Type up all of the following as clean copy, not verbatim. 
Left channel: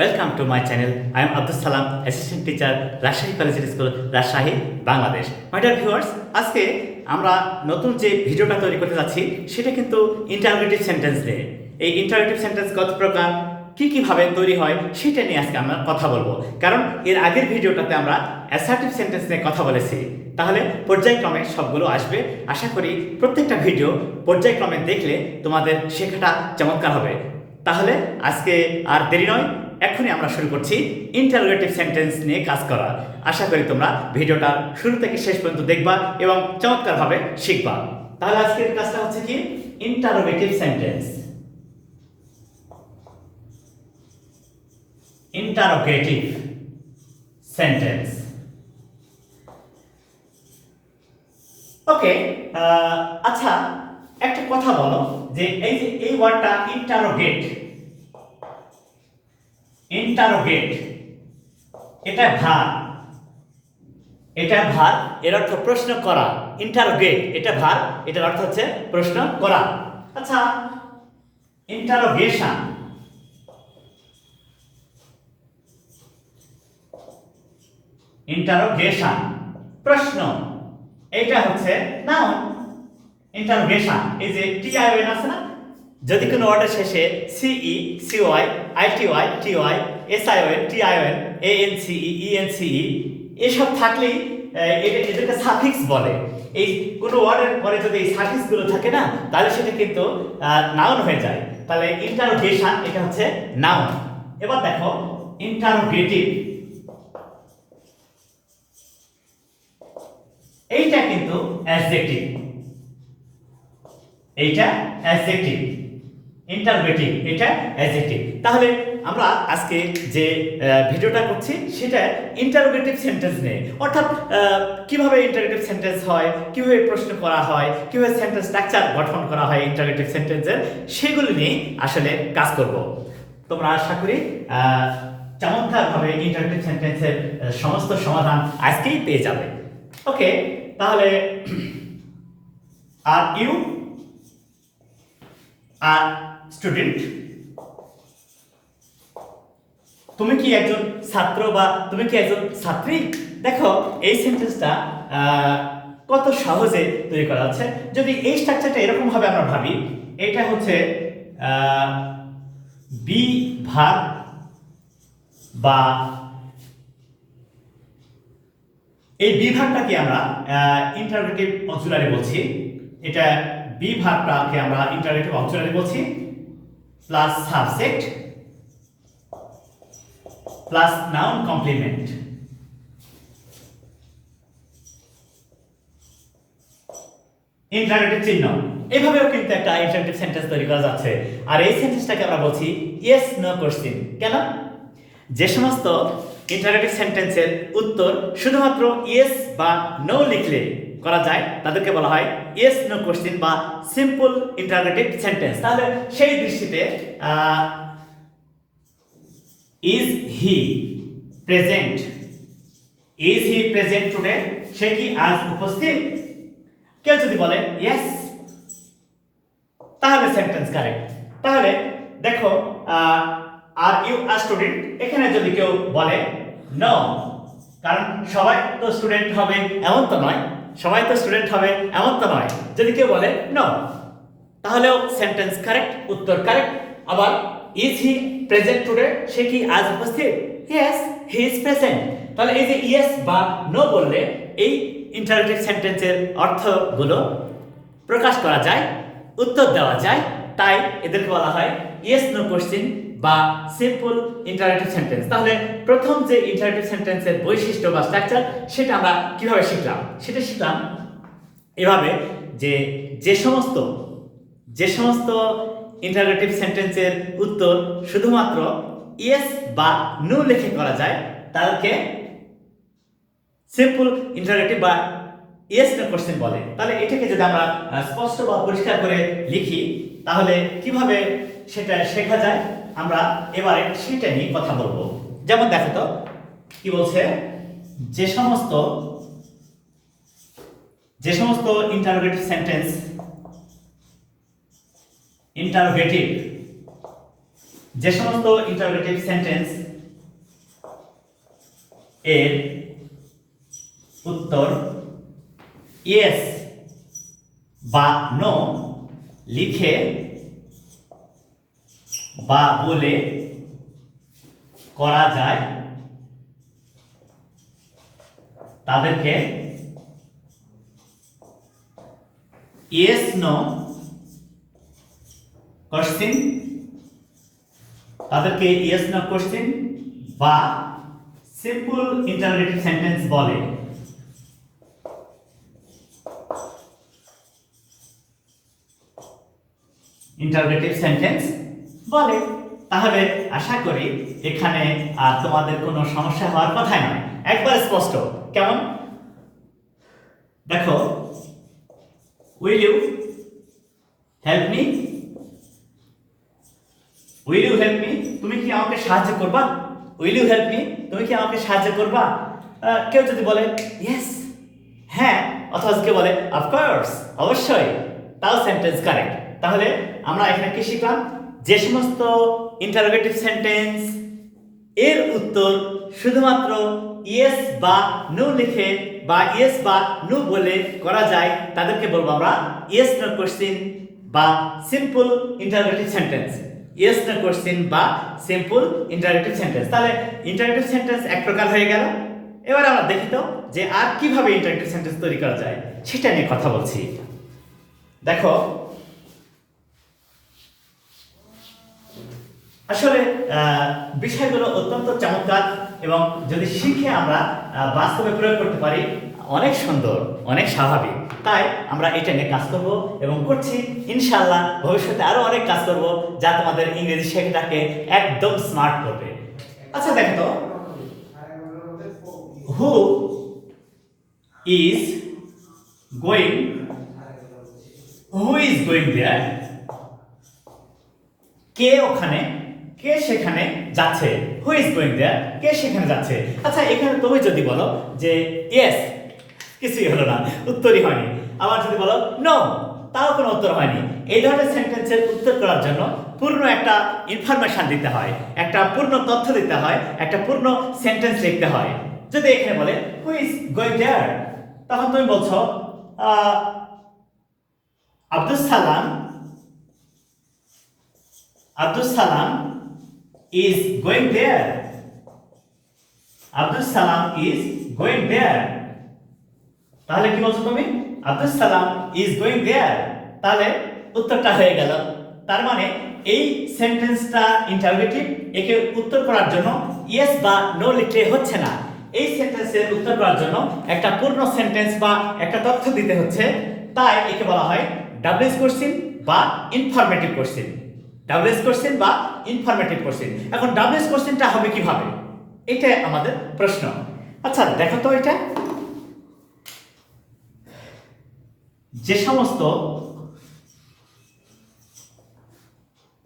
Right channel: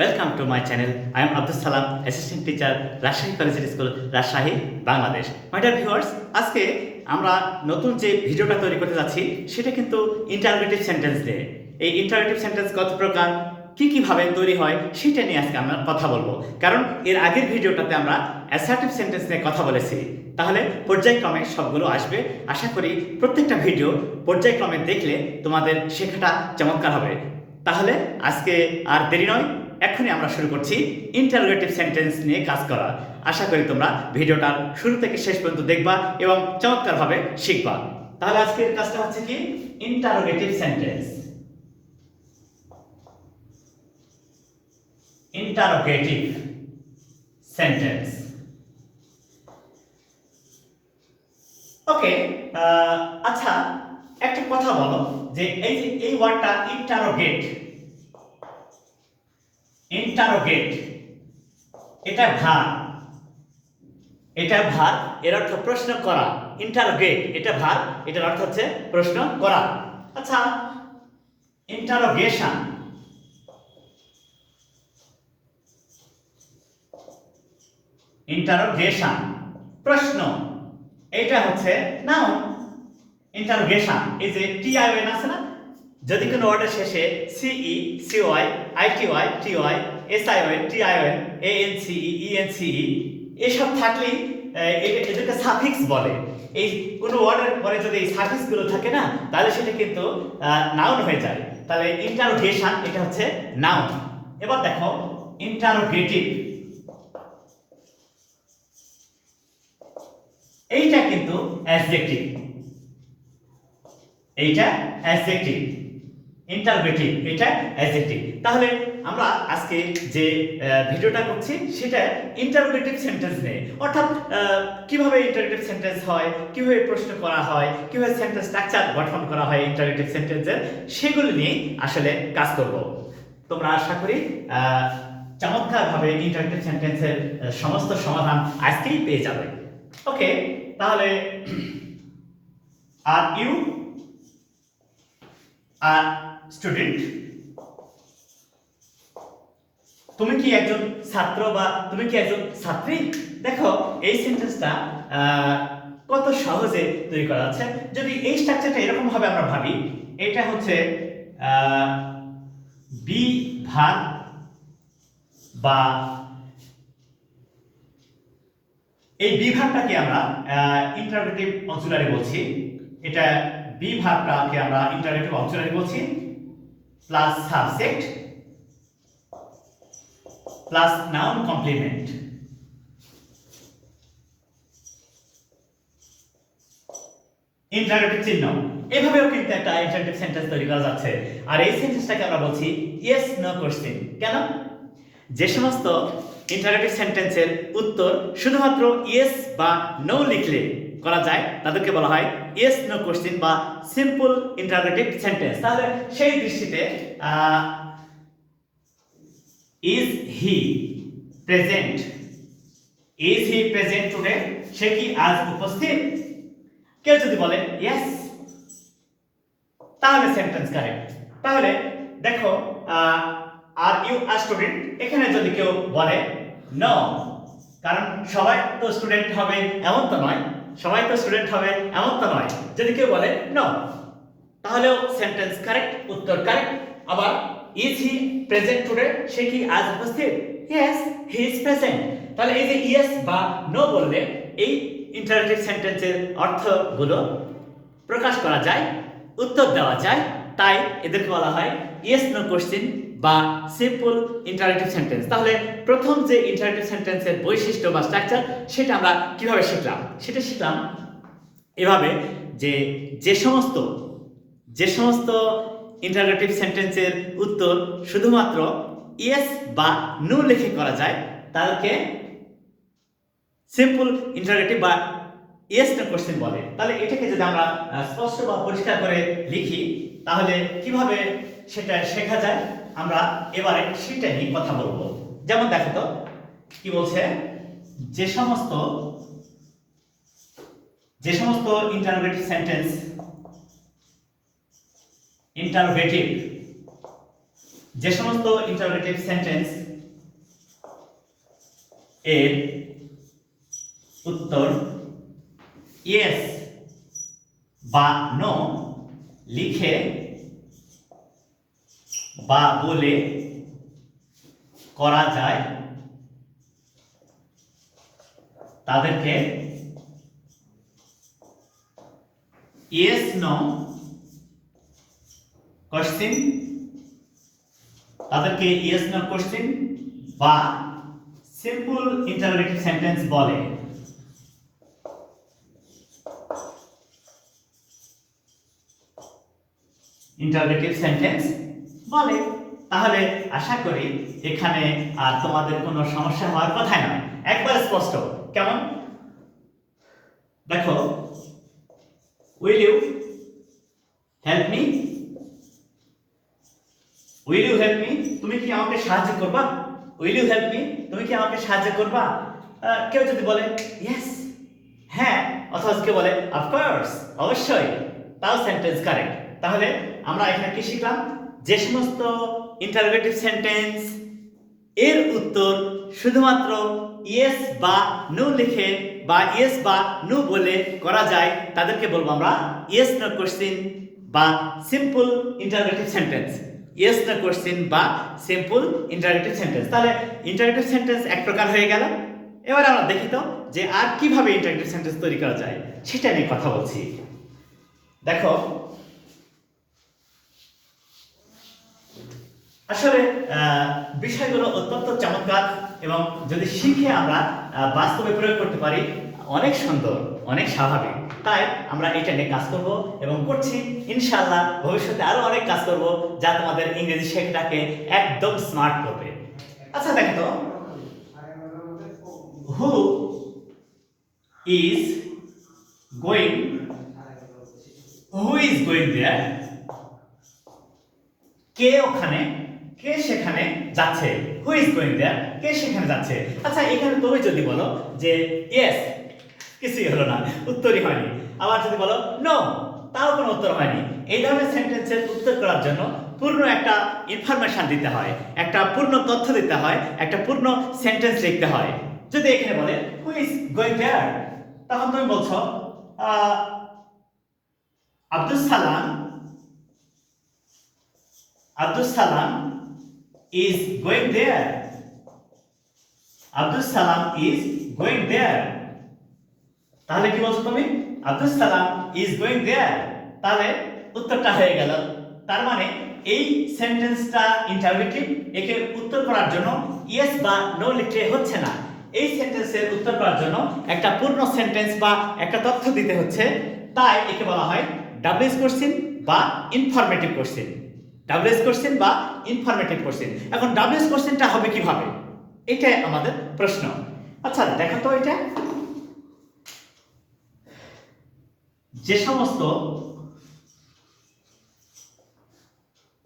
Welcome to my channel. I am Abdus Salam, Assistant Teacher, Rajshahi Collegiate School, Rajshahi, Bangladesh. My dear viewers, আজকে আমরা নতুন যে ভিডিওটা তৈরি করতে যাচ্ছি সেটা কিন্তু ইন্টারোগেটিভ সেন্টেন্স নিয়ে। এই ইন্টারোগেটিভ সেন্টেন্স কত প্রকার, কিভাবে তৈরি হয় সেটা নিয়ে আজকে আমরা কথা বলবো। কারণ এর আগের ভিডিওটাতে আমরা অ্যাসার্টিভ সেন্টেন্স নিয়ে কথা বলেছি। তাহলে পর্যায়ক্রমে সবগুলো আসবে। আশা করি প্রত্যেকটা ভিডিও পর্যায়ক্রমে দেখলে তোমাদের শেখাটা চমৎকার হবে। তাহলে আজকে আর দেরি নয়, এখনই আমরা শুরু করছি ইন্টারোগেটিভ সেন্টেন্স নিয়ে কাজ করা। আশা করি তোমরা ভিডিওটা শুরু থেকে শেষ পর্যন্ত দেখবা এবং চমৎকারভাবে শিখবা। তাহলে আজকের কাজটা হচ্ছে কি, interrogative sentence. Interrogative sentence. Okay, আচ্ছা একটা কথা বলো যে এই ওয়ার্ডটা ইন্টারোগেট, ইন্টারোগেট এটা ভার, এর অর্থ প্রশ্ন করা। ইন্টারোগেট এটা ভার, এটার অর্থ হচ্ছে প্রশ্ন করা। আচ্ছা, ইন্টারোগেশন, ইন্টারোগেশন প্রশ্ন, এটা হচ্ছে নাউন। ইন্টারোগেশন এই যে টিআইওএন আছে না, যদি কোনো ওয়ার্ডের শেষে সিই, সিওয়াই, আইটিওয়াই, টিওয়াই, এসআইওএন, টিআইওএন, এএনসিই, ইএনসিই এসব থাকলেই এদেরকে সাফিক্স বলে। এই কোনো ওয়ার্ডের পরে যদি এই সাফিক্সগুলো থাকে না, তাহলে সেটা কিন্তু নাউন হয়ে যায়। তাহলে ইন্টারোগেশন এটা হচ্ছে নাউন। এবার দেখো ইন্টারোগেটিভ, এইটা কিন্তু অ্যাডজেক্টিভ, এইটা অ্যাডজেক্টিভ। ইন্টারোগেটিভ এটা অ্যাডজেক্টিভ। তাহলে আমরা আজকে যে ভিডিওটা করছি সেটা ইন্টারোগেটিভ সেন্টেন্স নিয়ে, অর্থাৎ কিভাবে ইন্টারোগেটিভ সেন্টেন্স হয়, কিভাবে প্রশ্ন করা হয়, কিভাবে সেন্টেন্স স্ট্রাকচার গঠন করা হয় ইন্টারোগেটিভ সেন্টেন্সের, সেগুলো নিয়ে আসলে কাজ করব। তোমরা আশা করি চমৎকারভাবে ইন্টারোগেটিভ সেন্টেন্সের সমস্ত সমাধান আজকেই পেয়ে যাবে। ওকে, তাহলে আর ইউ আর স্টুডেন্ট, তুমি কি একজন ছাত্র বা তুমি কি একজন ছাত্রী? দেখো এই সেন্টেন্সটা কত সহজে তৈরি করা আছে। যদি এই স্ট্রাকচারটা এরকম ভাবে আমরা ভাবি, এটা হচ্ছে বি ভার বা এই বি ভার্বটাকে আমরা ইন্টারোগেটিভ অক্সিলারি বলছি। এটা বি ভার্বটাকে আমরা ইন্টারোগেটিভ অক্সিলারি বলছি, plus subject plus noun complement. Interrogative চিহ্ন, এভাবেও কিন্তু একটা ইন্টারোগেটিভ সেন্টেন্স তৈরি করা যাচ্ছে। আর এই সেন্টেন্সটাকে আমরা বলছি ইয়েস নো কোশ্চেন। কেন? যে সমস্ত ইন্টারোগেটিভ সেন্টেন্সের উত্তর শুধুমাত্র ইয়েস বা নো লিখলে করা যায় তাদেরকে বলা হয় ইয়েস নো কোশ্চেন বা সিম্পল ইন্টারোগেটিভ সেন্টেন্স। তাহলে সেই দৃষ্টিতে is he present, is he present today, সে কি আজ উপস্থিত? কেউ যদি বলে ইয়েস, তাহলে সেন্টেন্স কারেক্ট। তাহলে দেখো আর ইউ আর স্টুডেন্ট, এখানে যদি কেউ বলে নো, কারণ সবাই তো স্টুডেন্ট হবে এমন তো নয়, সবাই তো স্টুডেন্ট হবে এমন তো নয়। যদি কেউ বলে নো, তাহলেও সেন্টেন্স কারেক্ট, উত্তর কারেক্ট। আবার ইজ হি প্রেজেন্ট টুডে, সে কি আজ উপস্থিত? Yes he is present. তাহলে এই যে ইয়েস বা নো বললে এই ইন্টারোগেটিভ সেন্টেন্সের অর্থগুলো প্রকাশ করা যায়, উত্তর দেওয়া যায়। তাই এদেরকে বলা হয় ইয়েস নো কোশ্চেন বা সিম্পল ইন্টারোগেটিভ সেন্টেন্স। তাহলে প্রথম যে ইন্টারোগেটিভ সেন্টেন্সের বৈশিষ্ট্য বা স্ট্রাকচার, সেটা আমরা কিভাবে শিখলাম? সেটা শিখলাম এভাবে যে যে সমস্ত ইন্টারোগেটিভ সেন্টেন্সের উত্তর শুধুমাত্র ইয়েস বা নো লিখে করা যায় তাদেরকে সিম্পল ইন্টারোগেটিভ বা ইয়েস নো কোশ্চেন বলে। তাহলে এটাকে যদি আমরা স্পষ্ট বা পরিষ্কার করে লিখি, তাহলে কিভাবে সেটা শেখা যায় আমরা এবারে সেটা নিয়ে কথা বলবো। যেমন দেখো তো কি বলছে, যে সমস্ত ইন্টারোগেটিভ সেন্টেন্স, যে সমস্ত ইন্টারোগেটিভ সেন্টেন্স এর উত্তর ইয়েস বা নো লিখে বা বলে করা যায় তাদেরকে ইয়েস নো কোশ্চেন বা সিম্পল ইন্টারোগেটিভ সেন্টেন্স বলে। ইন্টারোগেটিভ সেন্টেন্স বলে। তাহলে আশা করি এখানে আর তোমাদের কোনো সমস্যা হওয়ার কথাই নয়, একবার স্পষ্ট। কেমন দেখো, will you help me, will you help me, তুমি কি আমাকে সাহায্য করবা? উইল ইউ হেল্প মি, তুমি কি আমাকে সাহায্য করবা? কেউ যদি বলে ইয়েস, হ্যাঁ, অথবা কেউ বলে অফকোর্স, অবশ্যই, তাও সেন্টেন্স কারেক্ট। তাহলে আমরা এখানে কি শিখলাম? যে সমস্ত ইন্টারোগেটিভ সেন্টেন্স এর উত্তর শুধুমাত্র ইয়েস বা নো লিখে বা ইয়েস বা নো বলে করা যায় তাদেরকে বলবো আমরা ইয়েস নো কোশ্চেন বা simple interrogative sentence. Yes no question বা সিম্পল ইন্টারোগেটিভ সেন্টেন্স। তাহলে ইন্টারোগেটিভ সেন্টেন্স এক প্রকার হয়ে গেল। এবার আমরা দেখি তো যে আর কিভাবে ইন্টারোগেটিভ সেন্টেন্স তৈরি করা যায় সেটা নিয়ে কথা বলছি। দেখো, আসলে বিষয়গুলো অত্যন্ত চমৎকার এবং যদি শিখে আমরা বাস্তবে প্রয়োগ করতে পারি অনেক সুন্দর, অনেক স্বাভাবিক। তাই আমরা এটা নিয়ে কাজ করব এবং করছি। ইনশাআল্লাহ ভবিষ্যতে আরো অনেক কাজ করব যা তোমাদের ইংরেজি শেখাটাকে একদম স্মার্ট করবে। আচ্ছা দেখো তো, who is going, who is going there, কে ওখানে, কে সেখানে যাচ্ছে। হু ইজ গোয়িং দেয়ার, কে সেখানে যাচ্ছে। আচ্ছা এখানে তুমি যদি বলো যে ইয়েস, কিছুই হলো না, উত্তরই হয়নি। আবার যদি বলো নো, তাও কোনো উত্তর হয়নি। এই ধরনের সেন্টেন্সের উত্তর করার জন্য পূর্ণ একটা ইনফরমেশন দিতে হয়, একটা পূর্ণ তথ্য দিতে হয়, একটা পূর্ণ সেন্টেন্স লিখতে হয়। যদি এখানে বলে হু ইজ গোয়িং দেয়ার, তখন তুমি বলছো Abdus Salam, Abdus Salam is going there. Abdus Salam is going there. তাহলে কি বলছো তুমি? Abdus Salam is going there. তাহলে উত্তরটা হয়ে গেল। তার মানে এই সেন্টেন্সটা ইন্টারোগেটিভ, একে উত্তর করার জন্য ইয়েস বা নো লিখলে হচ্ছে না। এই সেন্টেন্সের উত্তর করার জন্য একটা পূর্ণ সেন্টেন্স বা একটা তথ্য দিতে হচ্ছে। তাই একে বলা হয় ডাবলএস কোশ্চেন বা ইনফরমেটিভ কোশ্চেন। ডাবলএস কোশ্চেন বা ইনফরমেটিভ কোশ্চেন। এখন ডাবলএস কোশ্চেনটা হবে কিভাবে, এটাই আমাদের প্রশ্ন। আচ্ছা দেখো তো, এটা যে সমস্ত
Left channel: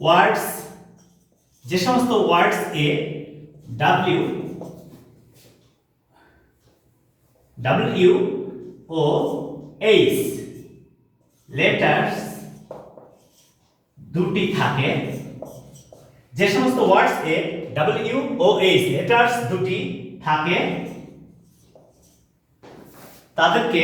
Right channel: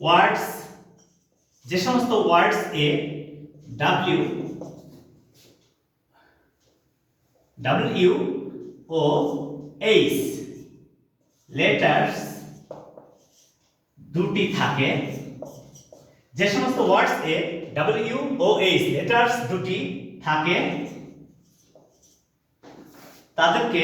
ওয়ার্ডস এ ডব্লিউ ও এইচ লেটার্স দুটি থাকে, যে সমস্ত ওয়ার্ডস এ ডব্লিউ ও এইচ লেটার্স দুটি থাকে তাদেরকে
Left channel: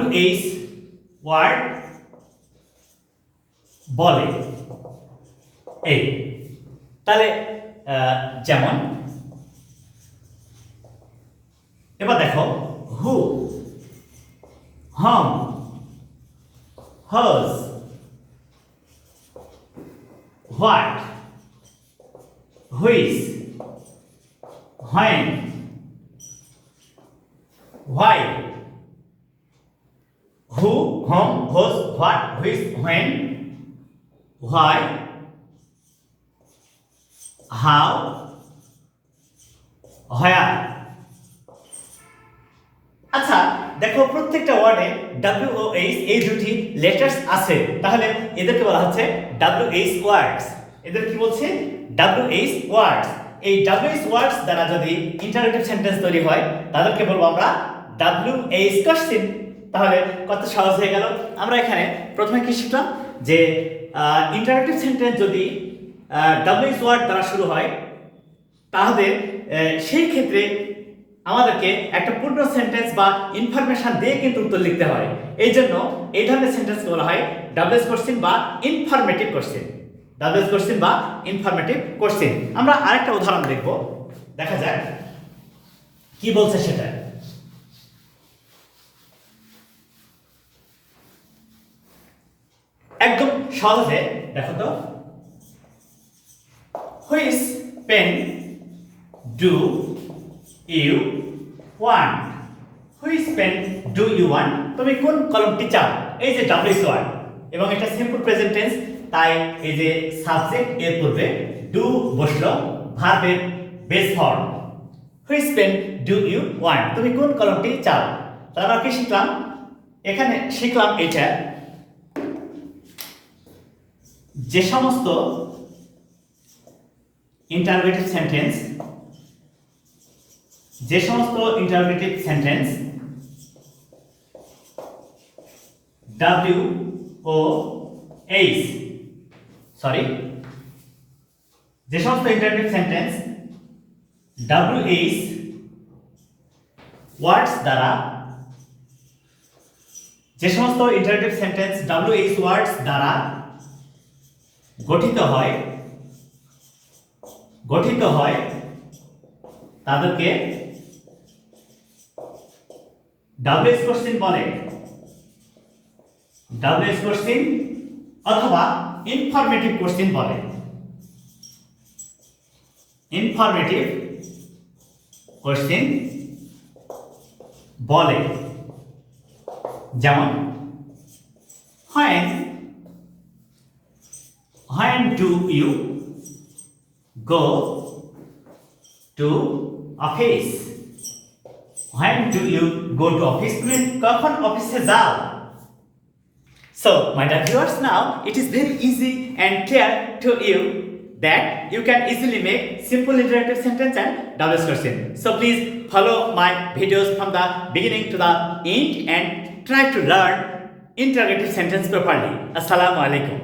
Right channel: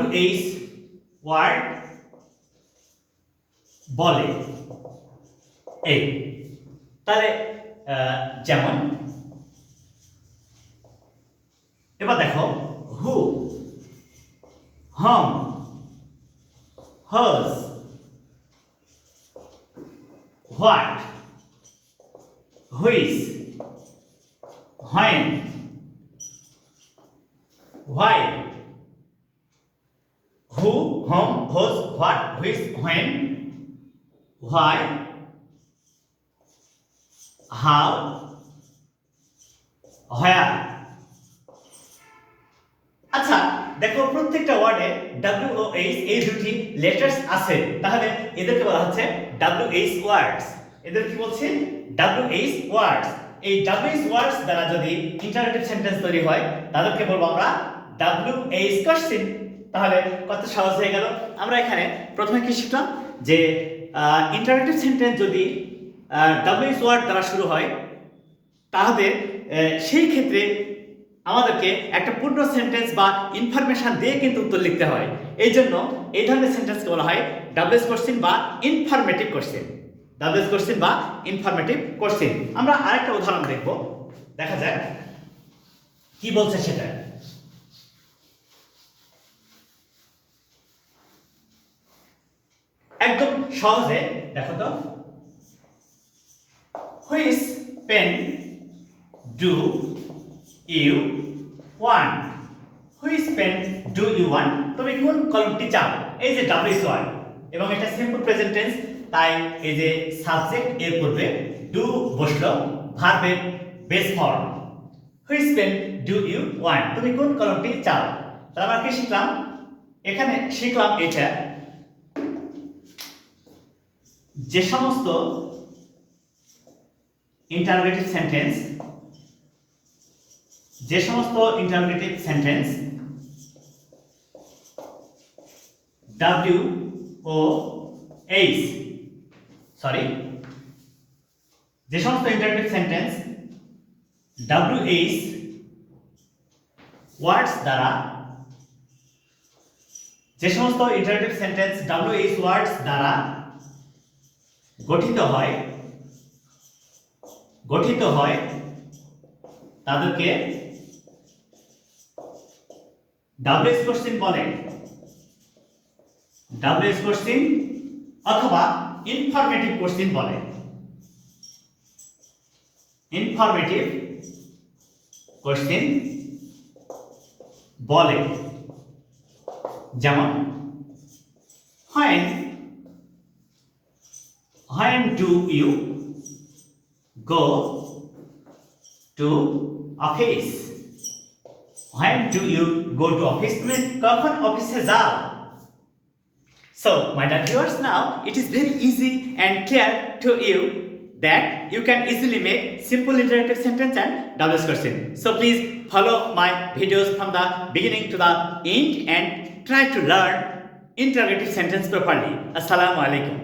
WH ওয়ার্ড বলে। এই তাহলে যেমন এবার দেখো, হু, হম, hers, what, which, when, why, who, whom, whose, what, which, when, why, how, where। আচ্ছা দেখো, প্রত্যেকটা ওয়ার্ডে ডব্লিউ ও এইচ এই দুটি লেটার্স আছে। তাহলে এদেরকে বলা হচ্ছে WH ওয়ার্ডস। এদের কি বলছে? WH ওয়ার্ডস। এই WH ওয়ার্ডস দ্বারা যদি ইন্টারোগেটিভ সেন্টেন্স তৈরি হয় তাদেরকে বলবো আমরা WH কোশ্চেন। তাহলে কত সহজ হয়ে গেল। আমরা এখানে প্রথমে কি শিখলাম যে ইন্টারোগেটিভ সেন্টেন্স যদি ডাব্লিউএইচ ওয়ার্ড দ্বারা শুরু হয় তাহলে সেই ক্ষেত্রে আমাদেরকে একটা পূর্ণ সেন্টেন্স বা ইনফরমেশন দিয়ে কিন্তু উত্তর লিখতে হয়। এই জন্য এই ধরনের সেন্টেন্সকে বলা হয় ডাব্লিউএইচ কোশ্চেন বা ইনফরমেটিভ কোশ্চেন। ডাব্লিউএইচ কোশ্চেন বা ইনফরমেটিভ কোশ্চেন। আমরা আরেকটা উদাহরণ দেখব, দেখা যাক কি বলছে সেটা। একদম সহজে দেখো তো, which pen do you want? Which pen do you want? তুমি কোন কলমটি চাও? এই যে ডাব্লিউএইচ ওয়ার্ড এবং এটা সিম্পল প্রেজেন্ট টেন্স, তাই এই যে সাবজেক্ট এর পূর্বে ডু বসলো, ভার্বের base form. Which pen do you want? তুমি কোন কলমটি চাও? তাহলে আমরা কি শিখলাম? এখানে শিখলাম এটা যে সমস্ত ইন্টারোগেটিভ সেন্টেন্স যে সমস্ত ইন্টারোগেটিভ সেন্টেন্স WH ওয়ার্ডস দ্বারা গঠিত হয় তাদেরকে ডাব্লিউএইচ কোশ্চেন বলে। ডাব্লিউএইচ কোশ্চেন অথবা ইনফরমেটিভ কোশ্চেন বলে। ইনফরমেটিভ কোশ্চেন বলে। যেমন when do you go to office? When do you go to office? তুমি কখন অফিসে যাও? So, my dear viewers, now it is very easy and clear to you that you can easily make simple interrogative sentence and WH question. So please follow my videos from the beginning to the end and try to learn interrogative sentence properly. Assalamu alaikum.